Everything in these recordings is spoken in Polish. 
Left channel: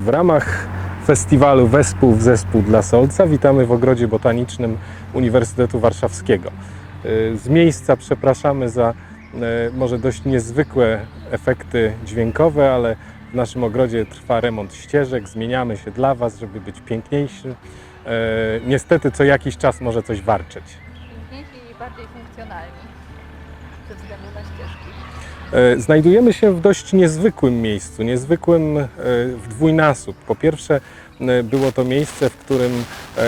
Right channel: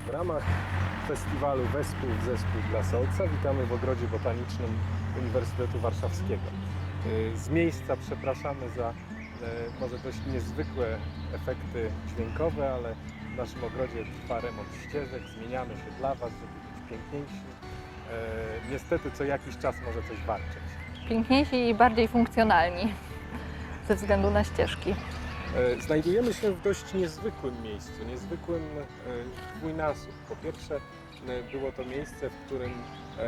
W ramach festiwalu Wespół w Zespół dla Solca witamy w Ogrodzie Botanicznym Uniwersytetu Warszawskiego. Y, Z miejsca przepraszamy za y, może dość niezwykłe efekty dźwiękowe, ale w naszym ogrodzie trwa remont ścieżek, zmieniamy się dla Was, żeby być piękniejszy. Niestety co jakiś czas może coś warczeć. Piękniejsi i bardziej funkcjonalni ze względu na ścieżki. E, Znajdujemy się w dość niezwykłym miejscu, niezwykłym e, w dwójnasób. Po pierwsze, e, było to miejsce, w którym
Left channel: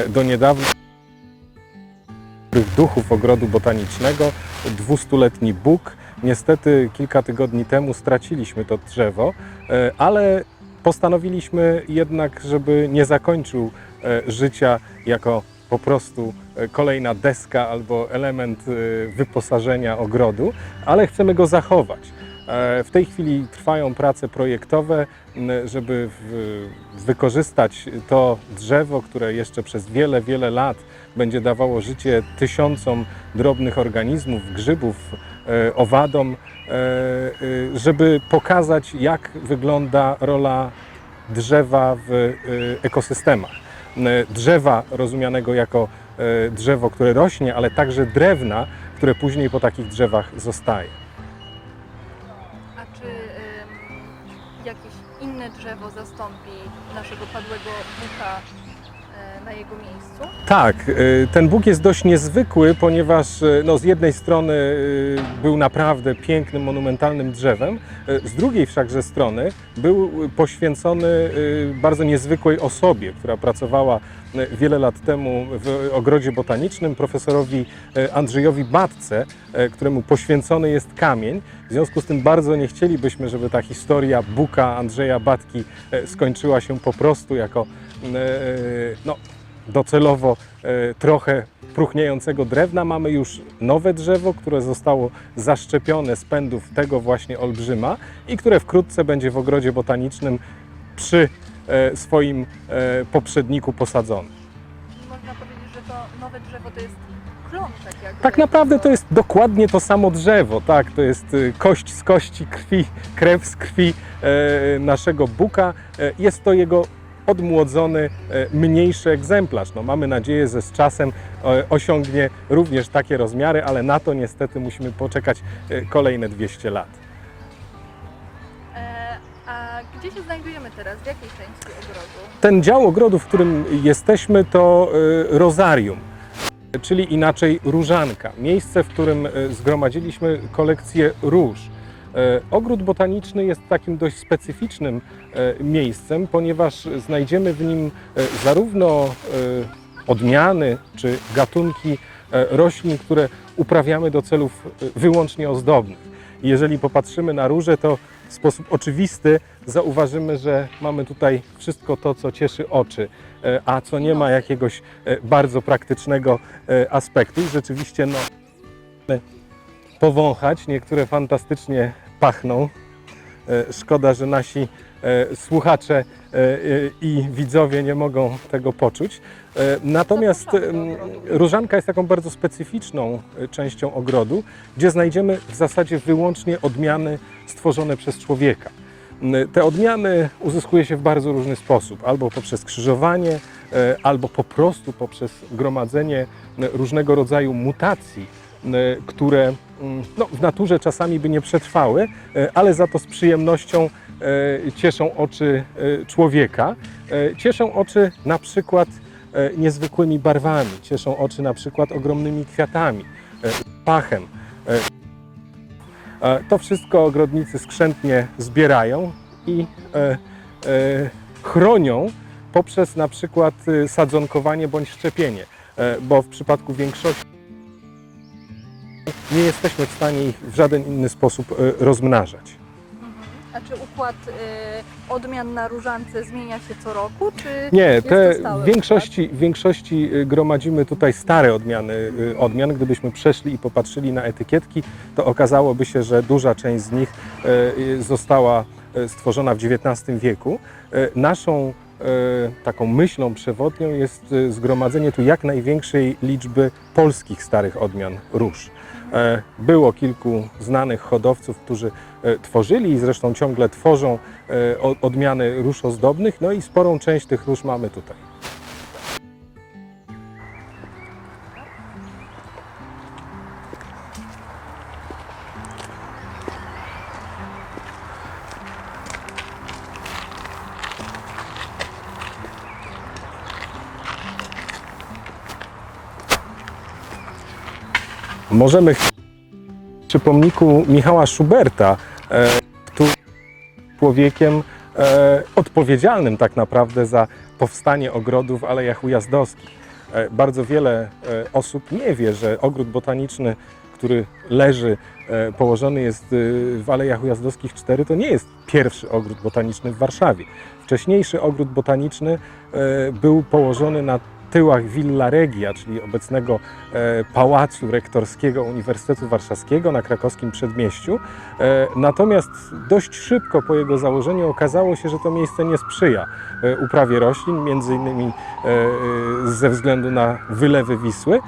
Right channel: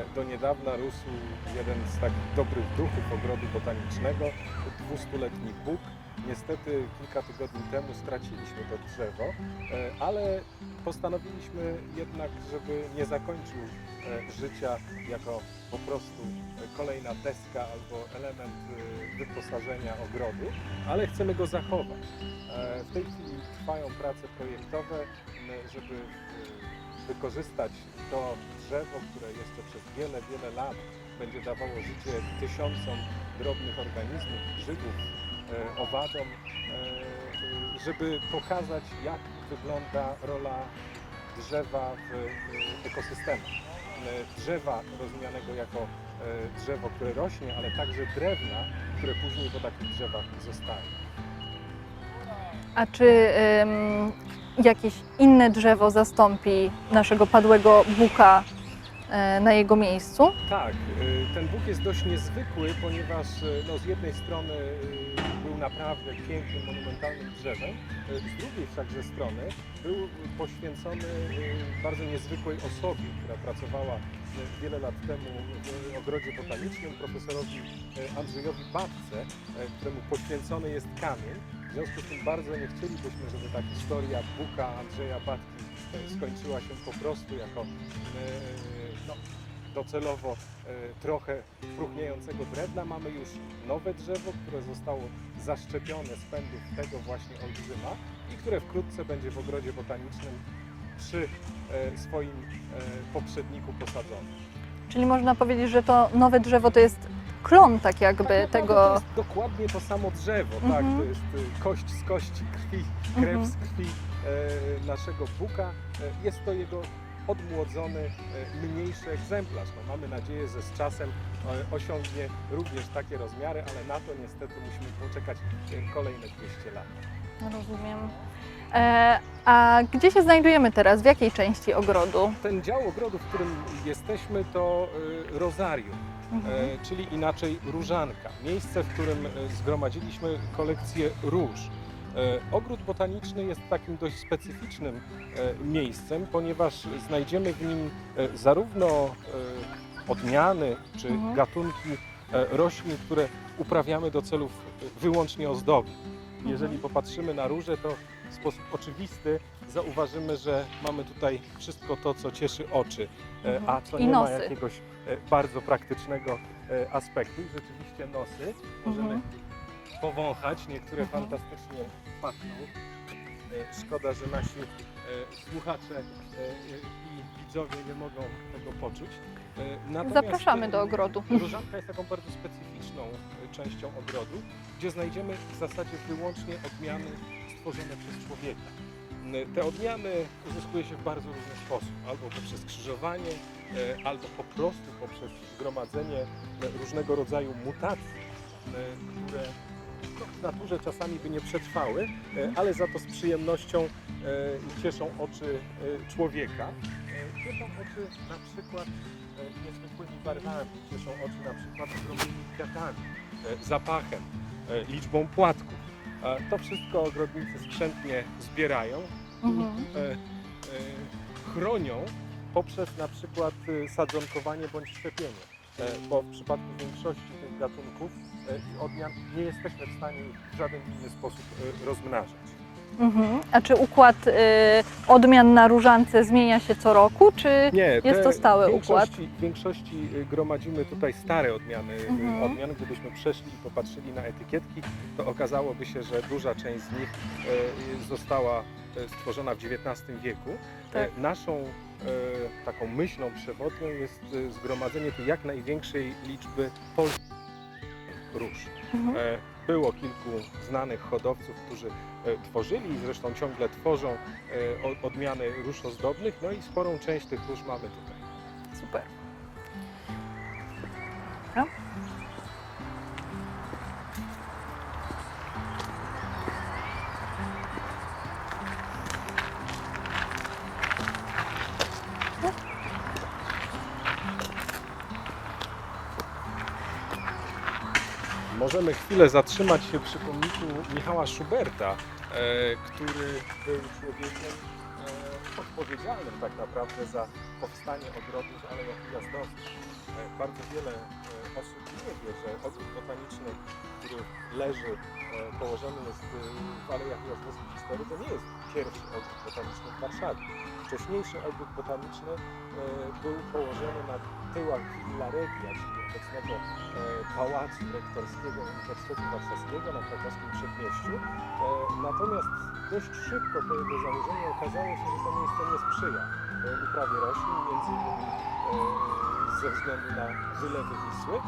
do niedawna rósł jeden z tak dobrych duchów ogrodu botanicznego, dwustuletni Bóg. Niestety kilka tygodni temu straciliśmy to drzewo, ale postanowiliśmy jednak, żeby nie zakończył życia jako po prostu e, kolejna deska albo element e, wyposażenia ogrodu, ale chcemy go zachować. E, W tej chwili trwają prace projektowe, żeby wykorzystać to drzewo, które jeszcze przez wiele, wiele lat będzie dawało życie tysiącom drobnych organizmów, grzybów, owadom, żeby pokazać, jak wygląda rola drzewa w ekosystemach. M, Drzewa rozumianego jako e, drzewo, które rośnie, ale także drewna, które później po takich drzewach zostaje. A czy ym, jakieś inne drzewo zastąpi naszego padłego buka e, na jego miejscu? Tak, y, ten Bóg jest dość niezwykły, ponieważ y, no, z jednej strony był naprawdę pięknym, monumentalnym drzewem, z drugiej wszakże strony był poświęcony bardzo niezwykłej osobie, która pracowała wiele lat temu w ogrodzie botanicznym, profesorowi Andrzejowi Batce, któremu poświęcony jest kamień. W związku z tym bardzo nie chcielibyśmy, żeby ta historia Buka Andrzeja Batki skończyła się po prostu jako no, docelowo e, trochę próchniejącego drewna. Mamy już nowe drzewo, które zostało zaszczepione z pędów tego właśnie olbrzyma i które wkrótce będzie w ogrodzie botanicznym przy e, swoim e, poprzedniku posadzone. Czyli można powiedzieć, że to nowe drzewo to jest klon tak jakby Tak naprawdę tego... to jest dokładnie to samo drzewo, tak, Mhm. to jest y, kość z kości, krwi, krew Mhm. z krwi e, naszego buka. E, jest to jego odmłodzony, e, mniejszy egzemplarz. No, mamy nadzieję, że z czasem e, osiągnie również takie rozmiary, ale na to niestety musimy poczekać e, kolejne 200 lat. Rozumiem. E, a gdzie się znajdujemy teraz? W jakiej części ogrodu? Ten dział ogrodu, w którym jesteśmy, to rozarium, czyli inaczej różanka. Miejsce, w którym zgromadziliśmy kolekcję róż. E, Ogród botaniczny jest takim dość specyficznym e, miejscem, ponieważ znajdziemy w nim e, zarówno odmiany czy gatunki roślin, które uprawiamy do celów wyłącznie ozdobnych. Jeżeli popatrzymy na róże, to w sposób oczywisty zauważymy, że mamy tutaj wszystko to, co cieszy oczy, a co nie ma jakiegoś bardzo praktycznego aspektu. I Rzeczywiście no, powąchać, niektóre fantastycznie pachną. E, Szkoda, że nasi e, słuchacze e, i widzowie nie mogą tego poczuć. Natomiast różanka jest taką bardzo specyficzną częścią ogrodu, gdzie znajdziemy w zasadzie wyłącznie odmiany stworzone przez człowieka. Te odmiany uzyskuje się w bardzo różny sposób, albo poprzez krzyżowanie, albo po prostu poprzez gromadzenie różnego rodzaju mutacji, które mm, no, w naturze czasami by nie przetrwały, e, ale za to z przyjemnością e, cieszą oczy e, człowieka. E, Cieszą oczy na przykład e, niezwykłymi barwami, cieszą oczy na przykład ogromnymi kwiatami, e, zapachem, e, liczbą płatków. E, To wszystko ogrodnicy skrzętnie zbierają i e, e, chronią poprzez na przykład e, sadzonkowanie bądź szczepienie, e, bo w przypadku większości gatunków e, nie jesteśmy w stanie ich w żaden inny sposób e, rozmnażać. Mhm. A czy układ y, odmian na różance zmienia się co roku, czy Nie, jest te w większości, w większości y, gromadzimy tutaj stare odmiany Mhm. odmian. Gdybyśmy przeszli i popatrzyli na etykietki, to okazałoby się, że duża część z nich y, została stworzona w XIX wieku. Y, Naszą taką myślą przewodnią jest y, zgromadzenie tu jak największej liczby polskich starych odmian róż. Mhm. E, Było kilku znanych hodowców, którzy e, tworzyli i zresztą ciągle tworzą e, odmiany róż ozdobnych, no i sporą część tych róż mamy tutaj. Możemy chwilę zatrzymać się przy pomniku Michała Schuberta, e, który był człowiekiem e, odpowiedzialnym tak naprawdę za powstanie ogrodów w Alejach Ujazdowskich. E, bardzo wiele osób nie wie, że ogród botaniczny, który leży, położony jest w Alejach Ujazdowskich 4, to nie jest pierwszy ogród botaniczny w Warszawie. Wcześniejszy ogród botaniczny był położony na tyłach Villa Regia, czyli obecnego e, pałacu rektorskiego Uniwersytetu Warszawskiego na krakowskim przedmieściu. E, Natomiast dość szybko po jego założeniu okazało się, że to miejsce nie sprzyja e, uprawie roślin, między innymi ze względu na wylewy Wisły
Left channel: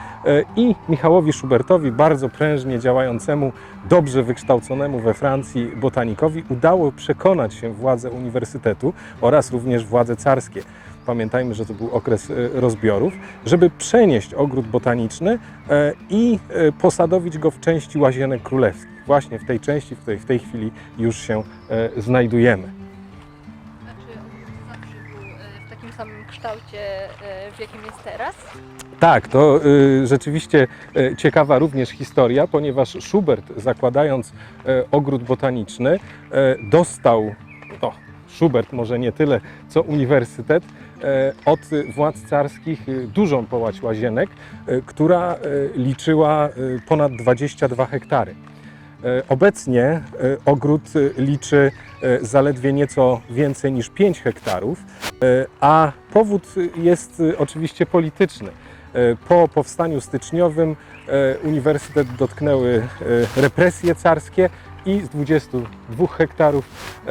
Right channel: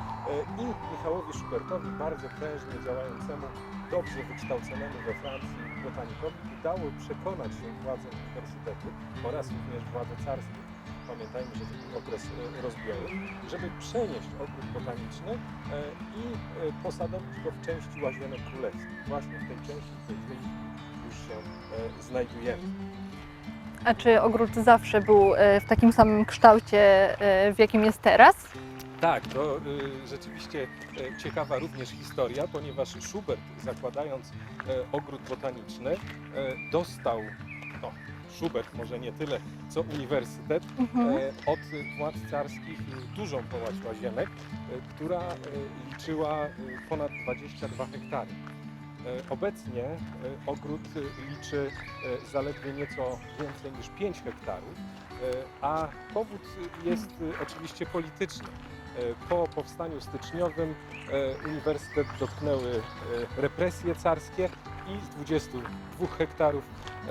i Michałowi Schubertowi, bardzo prężnie działającemu, dobrze wykształconemu we Francji botanikowi, udało przekonać się władze uniwersytetu oraz również władze carskie pamiętajmy, że to był okres e, rozbiorów, żeby przenieść ogród botaniczny e, i e, posadowić go w części łazienek królewskich. Właśnie w tej części, w której w tej chwili już się znajdujemy. A czy ogród zawsze był w takim samym kształcie, w jakim jest teraz? Tak, to y, rzeczywiście y, ciekawa również historia, ponieważ Schubert zakładając y, ogród botaniczny y, dostał, Schubert może nie tyle co uniwersytet, e, od władz carskich y, dużą połać łazienek, y, która liczyła ponad 22 hektary. E, Obecnie ogród liczy zaledwie nieco więcej niż 5 hektarów, a powód jest oczywiście polityczny. E, Po powstaniu styczniowym e, uniwersytet dotknęły e, represje carskie i z 22 hektarów e,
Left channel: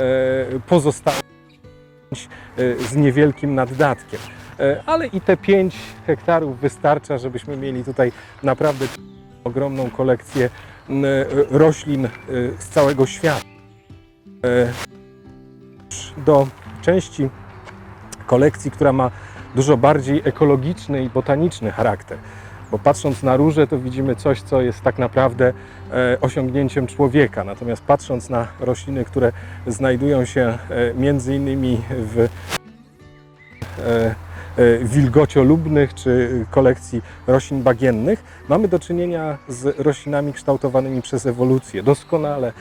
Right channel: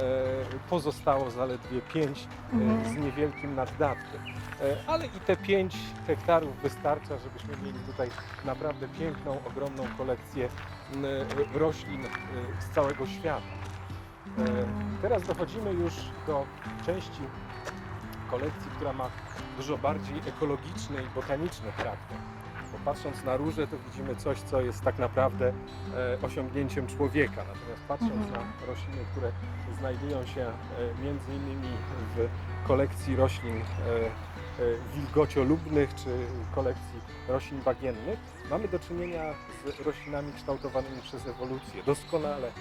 pozostało zaledwie 5 e, z niewielkim naddatkiem. E, Ale i te 5 hektarów wystarcza, żebyśmy mieli tutaj naprawdę piękną, ogromną kolekcję roślin z całego świata. Teraz dochodzimy już do części kolekcji, która ma dużo bardziej ekologiczny i botaniczny charakter. Bo patrząc na róże, to widzimy coś, co jest tak naprawdę e, osiągnięciem człowieka. Natomiast patrząc na rośliny, które znajdują się e, między innymi w kolekcji roślin e, wilgociolubnych czy kolekcji roślin bagiennych, mamy do czynienia z roślinami kształtowanymi przez ewolucję, doskonale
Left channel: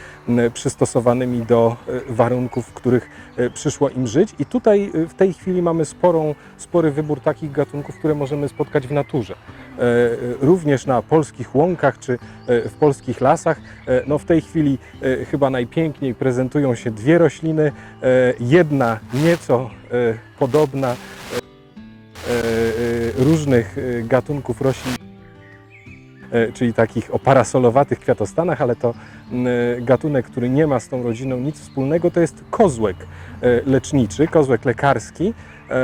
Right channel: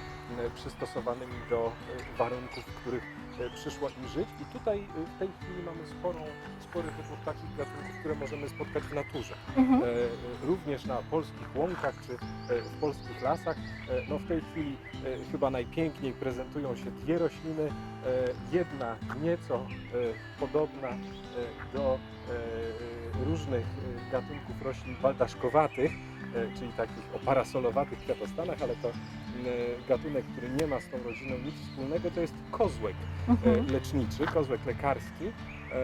przystosowanymi do warunków, w których przyszło im żyć. I tutaj e, w tej chwili mamy sporą, spory wybór takich gatunków, które możemy spotkać w naturze. Mhm. E, e, Również na polskich łąkach czy e, w polskich lasach. E, No w tej chwili e, chyba najpiękniej prezentują się dwie rośliny. E, Jedna nieco e, podobna e, do e, e, różnych e, gatunków roślin baldaszkowatych, e, czyli takich o parasolowatych kwiatostanach, ale to gatunek, który nie ma z tą rodziną nic wspólnego, to jest kozłek Mhm. e, leczniczy, kozłek lekarski. E, e,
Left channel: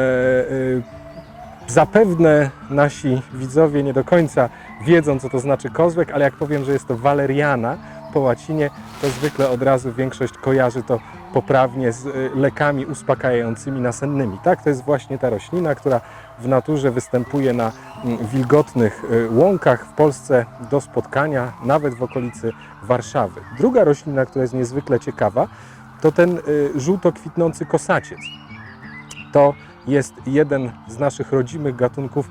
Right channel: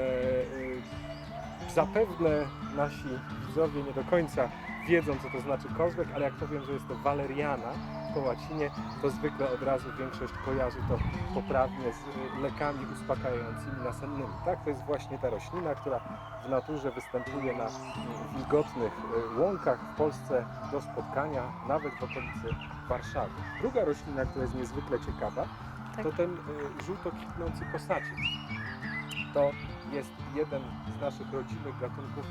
Zapewne nasi widzowie nie do końca wiedzą, co to znaczy kozłek, ale jak powiem, że jest to waleriana po łacinie, to zwykle od razu większość kojarzy to poprawnie z e, lekami uspokajającymi nasennymi. Tak, to jest właśnie ta roślina, która w naturze występuje na mm, wilgotnych e, łąkach w Polsce do spotkania, nawet w okolicy Warszawy. Druga roślina, która jest niezwykle ciekawa, to ten y, żółto kwitnący kosaciec. To jest jeden z naszych rodzimych gatunków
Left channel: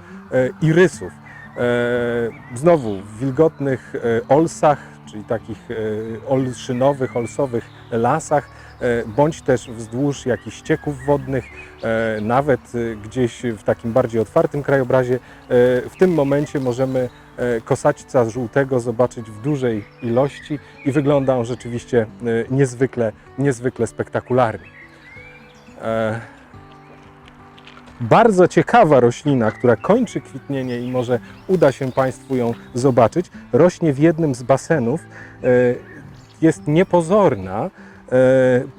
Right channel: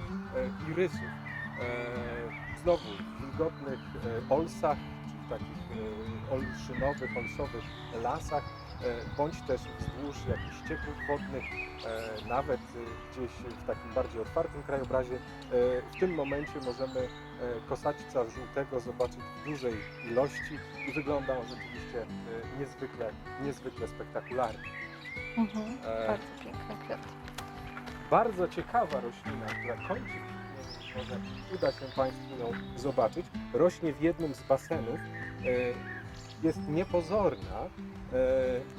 irysów. E, Znowu w wilgotnych olsach, czyli takich e, olszynowych, olsowych lasach, e, bądź też wzdłuż jakichś ścieków wodnych, e, nawet gdzieś w takim bardziej otwartym krajobrazie. W tym momencie możemy kosaćca żółtego zobaczyć w dużej ilości i wygląda on rzeczywiście niezwykle, niezwykle spektakularnie. Mhm. Bardzo ciekawa roślina, która kończy kwitnienie i może uda się Państwu ją zobaczyć, rośnie w jednym z basenów. E, Jest niepozorna, e,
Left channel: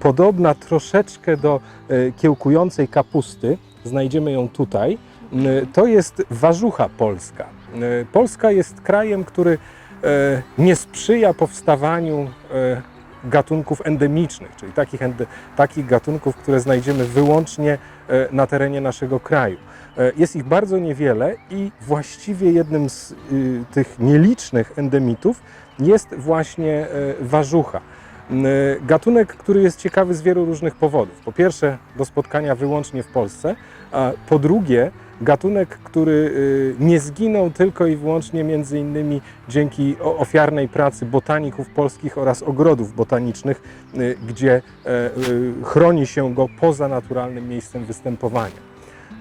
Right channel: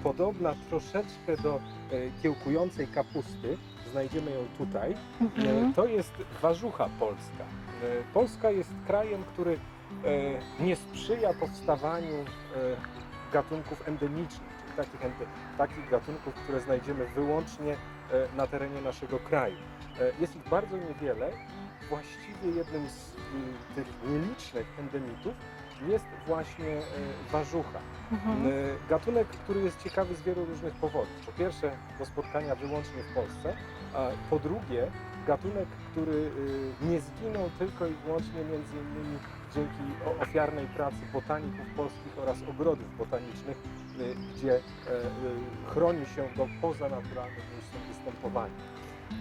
podobna troszeczkę do e, kiełkującej kapusty. Znajdziemy ją tutaj. Mhm. To jest warzucha polska. Polska jest krajem, który nie sprzyja powstawaniu gatunków endemicznych, czyli takich, takich gatunków, które znajdziemy wyłącznie e, na terenie naszego kraju. E, Jest ich bardzo niewiele i właściwie jednym z y, tych nielicznych endemitów jest właśnie e, warzucha. Mhm. Gatunek, który jest ciekawy z wielu różnych powodów. Po pierwsze, do spotkania wyłącznie w Polsce, a po drugie, gatunek, który y, nie zginął tylko i wyłącznie między innymi dzięki ofiarnej pracy botaników polskich oraz ogrodów botanicznych, y, gdzie e, y, chroni się go poza naturalnym miejscem występowania. E,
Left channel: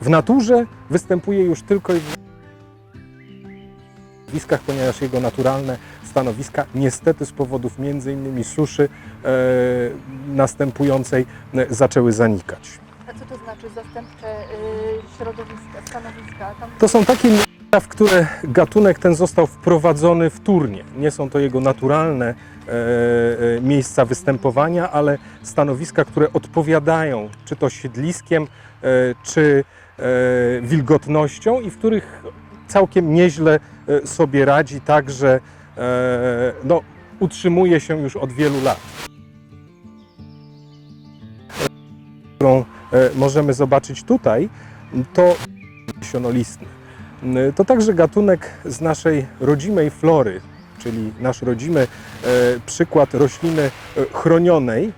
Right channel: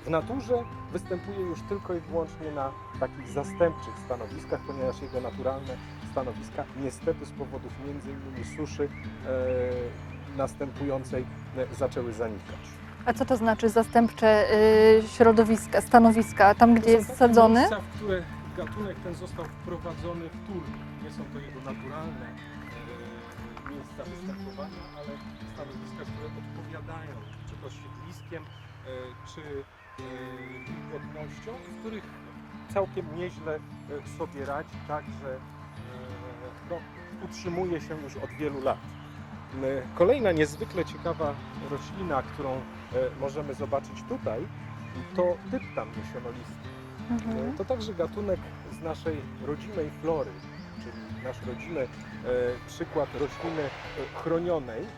W naturze występuje już tylko i wyłącznie na takich zastępczych stanowiskach, ponieważ jego naturalne stanowiska niestety z powodów między innymi suszy e, następującej zaczęły zanikać. A co to znaczy zastępcze y, środowiska, stanowiska? Tam, gdzie To są jest takie sadzony? miejsca, w które gatunek ten został wprowadzony wtórnie. Nie są to jego naturalne e, e, miejsca występowania, ale stanowiska, które odpowiadają czy to siedliskiem, e, czy e, wilgotnością i w których całkiem nieźle e, sobie radzi, także e, no, utrzymuje się już od wielu lat. Kolejna niezwykle ciekawa roślina, którą e, możemy zobaczyć tutaj, to dyptam sionolistny. E, To także gatunek z naszej rodzimej flory, czyli nasz rodzimy e, przykład rośliny chronionej,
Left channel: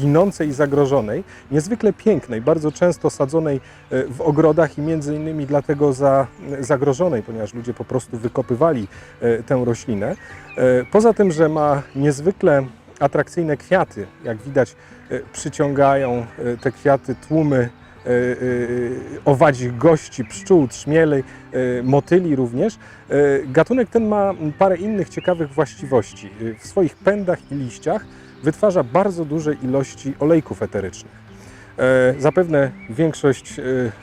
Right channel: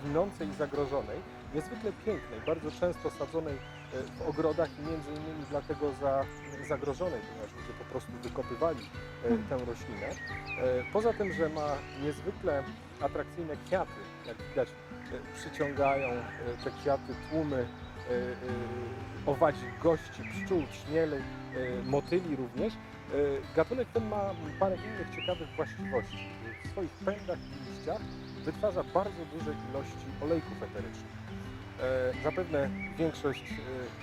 ginącej i zagrożonej, niezwykle pięknej, bardzo często sadzonej w ogrodach i między innymi dlatego za, zagrożonej, ponieważ ludzie po prostu wykopywali tę roślinę. Poza tym, że ma niezwykle atrakcyjne kwiaty, jak widać e, przyciągają e, te kwiaty tłumy e, owadzich gości, pszczół, trzmieli, motyli również. Gatunek ten ma parę innych ciekawych właściwości. W swoich pędach i liściach wytwarza bardzo duże ilości olejków eterycznych. Zapewne większość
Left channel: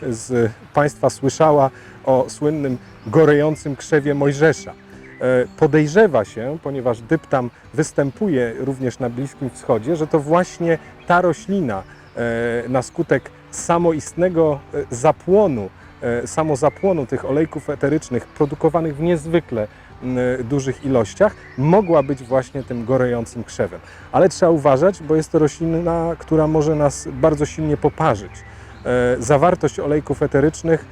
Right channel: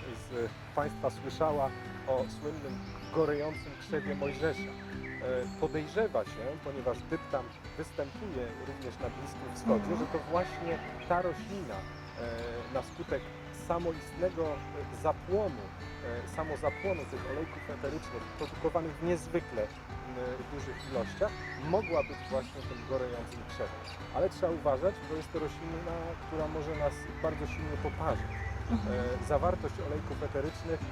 z Państwa słyszała o słynnym gorejącym krzewie Mojżesza. E, Podejrzewa się, ponieważ dyptam występuje również na Bliskim Wschodzie, że to właśnie ta roślina e, na skutek samoistnego e, zapłonu, samozapłonu tych olejków eterycznych produkowanych w niezwykle dużych ilościach, mogła być właśnie tym gorejącym krzewem. Ale trzeba uważać, bo jest to roślina, która może nas bardzo silnie poparzyć. Zawartość olejków eterycznych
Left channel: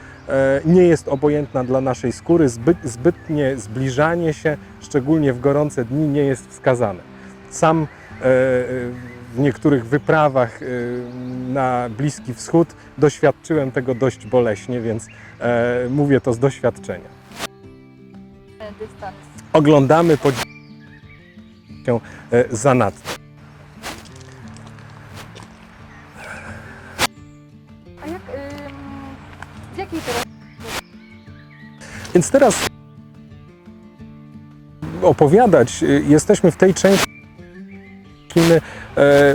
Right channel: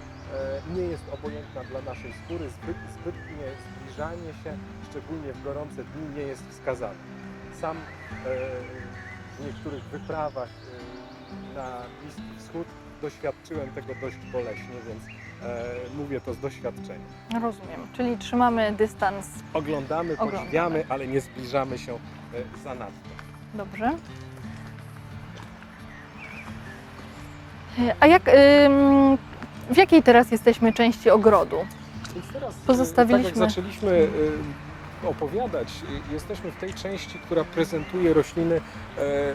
nie jest obojętna dla naszej skóry, zbyt, zbytnie zbliżanie się, szczególnie w gorące dni, nie jest wskazane. Sam e, e, w niektórych wyprawach e, na Bliski Wschód doświadczyłem tego dość boleśnie, więc e, mówię to z doświadczenia. Rozumiem, czyli trzymamy dystans. Oglądamy, podziwiamy, ale nie zbliżamy się e, zanadto. Dobrze. E, A jak, ym, w jakiej teraz jesteśmy części ogrodu? Więc teraz, Pozostawiliśmy- tak jak zaczęliśmy y, opowiadać, y, jesteśmy w tej części, która prezentuje rośliny e,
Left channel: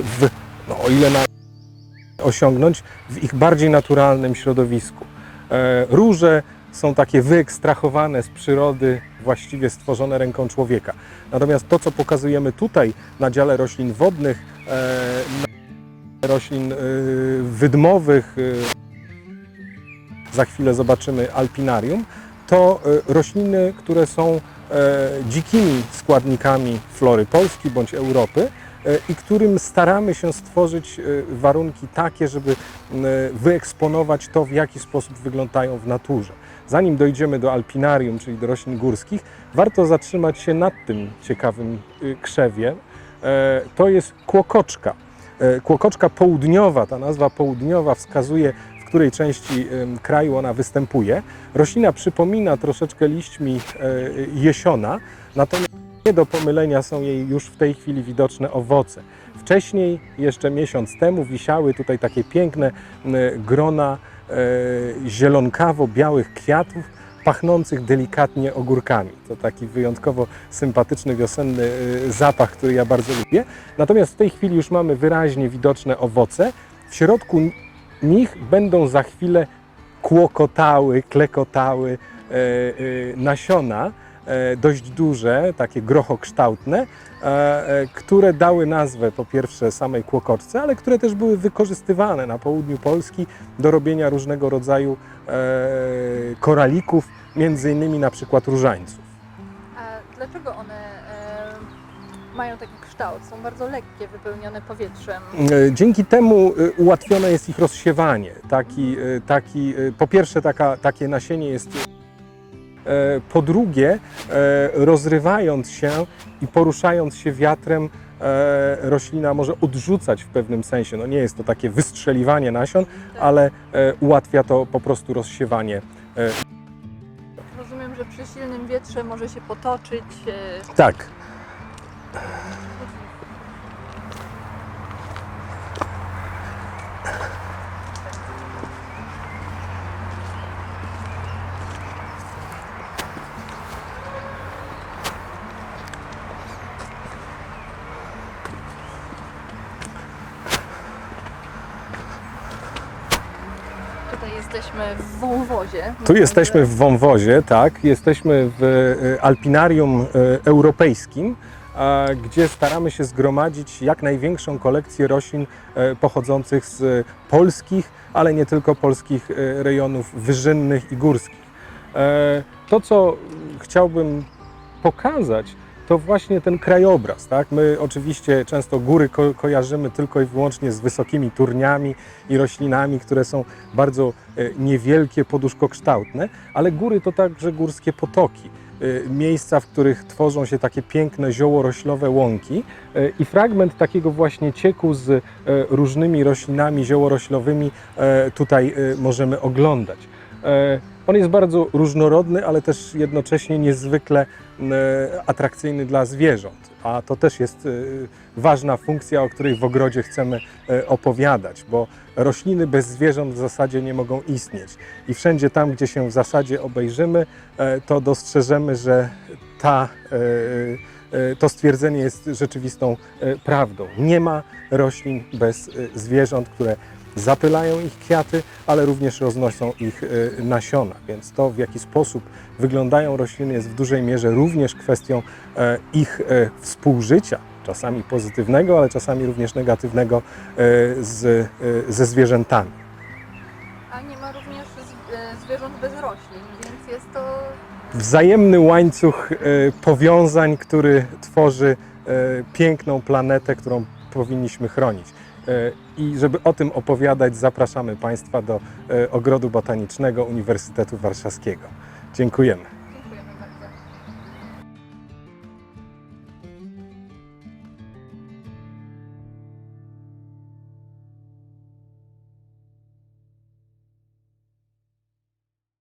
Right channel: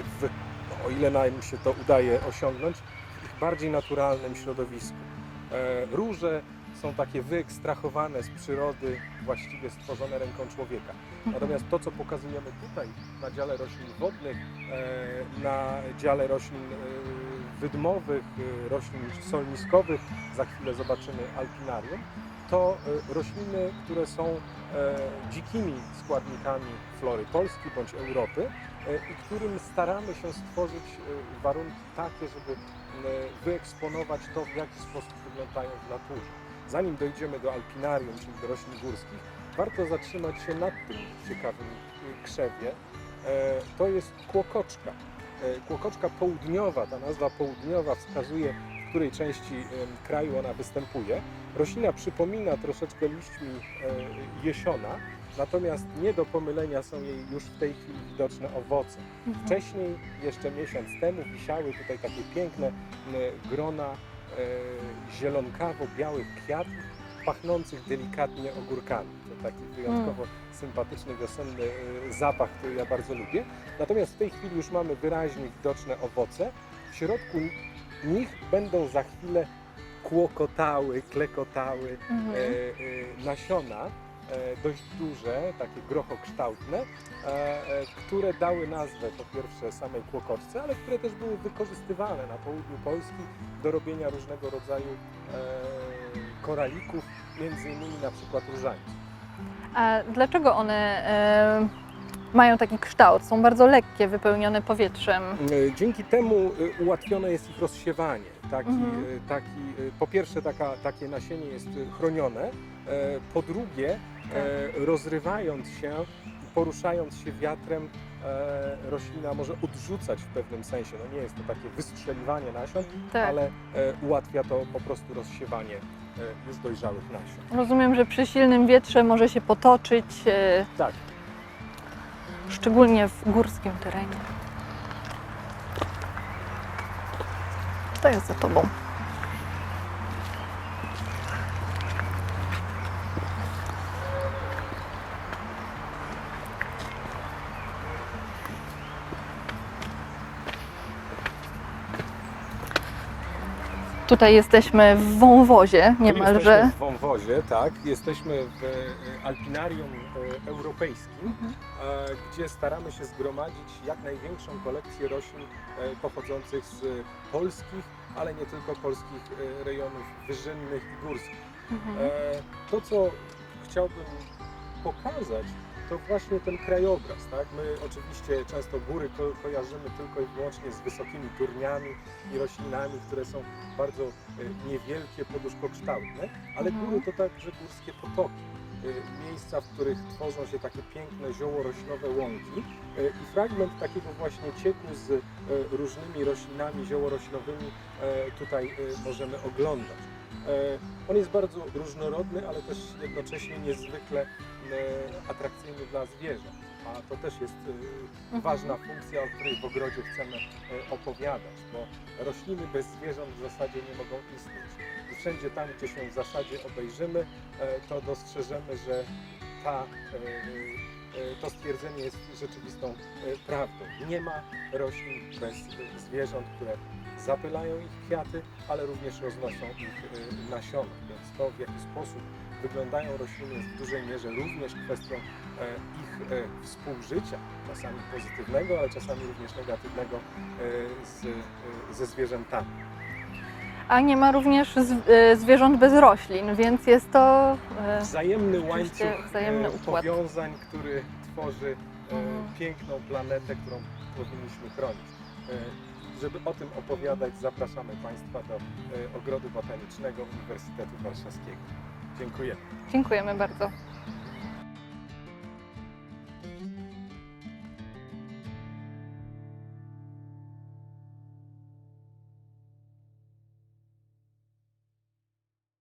w, no, o ile nam się to udaje osiągnąć, w ich bardziej naturalnym środowisku. E, Róże są takie wyekstrahowane z przyrody, właściwie stworzone ręką człowieka. Natomiast to, co pokazujemy tutaj na dziale roślin wodnych, e, na dziale roślin e, wydmowych, e, roślin solniskowych, za chwilę zobaczymy alpinarium, to e, rośliny, które są e, dzikimi składnikami flory Polski bądź Europy e, i którym staramy się stworzyć warunki takie, żeby wyeksponować to, w jaki sposób wyglądają w naturze. Zanim dojdziemy do alpinarium, czyli do roślin górskich, warto zatrzymać się nad tym ciekawym krzewie. E, To jest kłokoczka. Kłokoczka południowa, ta nazwa południowa wskazuje, której części kraju ona występuje. Roślina przypomina troszeczkę liśćmi e, jesiona, natomiast nie do pomylenia są jej już w tej chwili widoczne owoce. Wcześniej, jeszcze miesiąc temu, wisiały tutaj takie piękne grona e, zielonkawo-białych kwiatów, pachnących delikatnie ogórkami. To taki wyjątkowo sympatyczny wiosenny e, zapach, który ja bardzo lubię. Natomiast w tej chwili już mamy wyraźnie widoczne owoce. W środku nich będą za chwilę kłokotały, klekotały e, e, nasiona, e, dość duże, takie grochokształtne, e, e, które dały nazwę po pierwsze samej kłokoczce, ale które też były wykorzystywane na południu Polski do robienia różnego rodzaju e, koralików, między innymi na przykład różańców. A dlaczego one e, mają taki kształt, są bardzo lekkie, wypełnione powietrzem. E, Dzięki temu e, ułatwione jest ich rozsiewanie. Taki, Mhm. e, taki, po pierwsze, taka, takie nasienie jest chronione. Po drugie, rozrywając się i poruszając się wiatrem, roślina może odrzucać w pewnym sensie. No nie jest to takie wystrzeliwanie nasion, Tak. ale ułatwia to po prostu rozsiewanie dojrzałych nasion. Rozumiem, że przy silnym wietrze może się potoczyć, Tak. Szczególnie w górskim terenie. To jest za tobą. Tutaj jesteśmy w wąwozie. Tu jesteśmy w wąwozie, tak. Jesteśmy w e, Alpinarium e, Europejskim, gdzie staramy się zgromadzić jak największą kolekcję roślin e, pochodzących z polskich, ale nie tylko polskich e, rejonów wyżynnych i górskich. E, To, co chciałbym pokazać, to właśnie ten krajobraz. Tak? My oczywiście często góry ko kojarzymy tylko i wyłącznie z wysokimi turniami i roślinami, które są bardzo e, niewielkie, poduszkokształtne, ale góry to także górskie potoki. E, Miejsca, w których tworzą się takie piękne ziołoroślowe łąki e, i fragment takiego właśnie cieku z e, różnymi roślinami ziołoroślowymi tutaj możemy oglądać. On jest bardzo różnorodny, ale też jednocześnie niezwykle atrakcyjny dla zwierząt, a to też jest e, ważna funkcja, o której w ogrodzie chcemy e, opowiadać, bo rośliny bez zwierząt w zasadzie nie mogą istnieć. I wszędzie tam, gdzie się w zasadzie obejrzymy, to dostrzeżemy, że ta, to stwierdzenie jest rzeczywistą prawdą. Nie ma roślin bez zwierząt, które zapylają ich kwiaty, ale również roznoszą ich nasiona. Więc to, w jaki sposób wyglądają rośliny, jest w dużej mierze również kwestią e, ich e, współżycia, czasami pozytywnego, ale czasami również negatywnego e, z, ze zwierzętami. A nie ma również zwierząt bez roślin, więc jest to. Wzajemny łańcuch powiązań, który tworzy piękną planetę, którą powinniśmy chronić. I żeby o tym opowiadać, zapraszamy Państwa do Ogrodu Botanicznego Uniwersytetu Warszawskiego. Dziękujemy. Dziękujemy bardzo.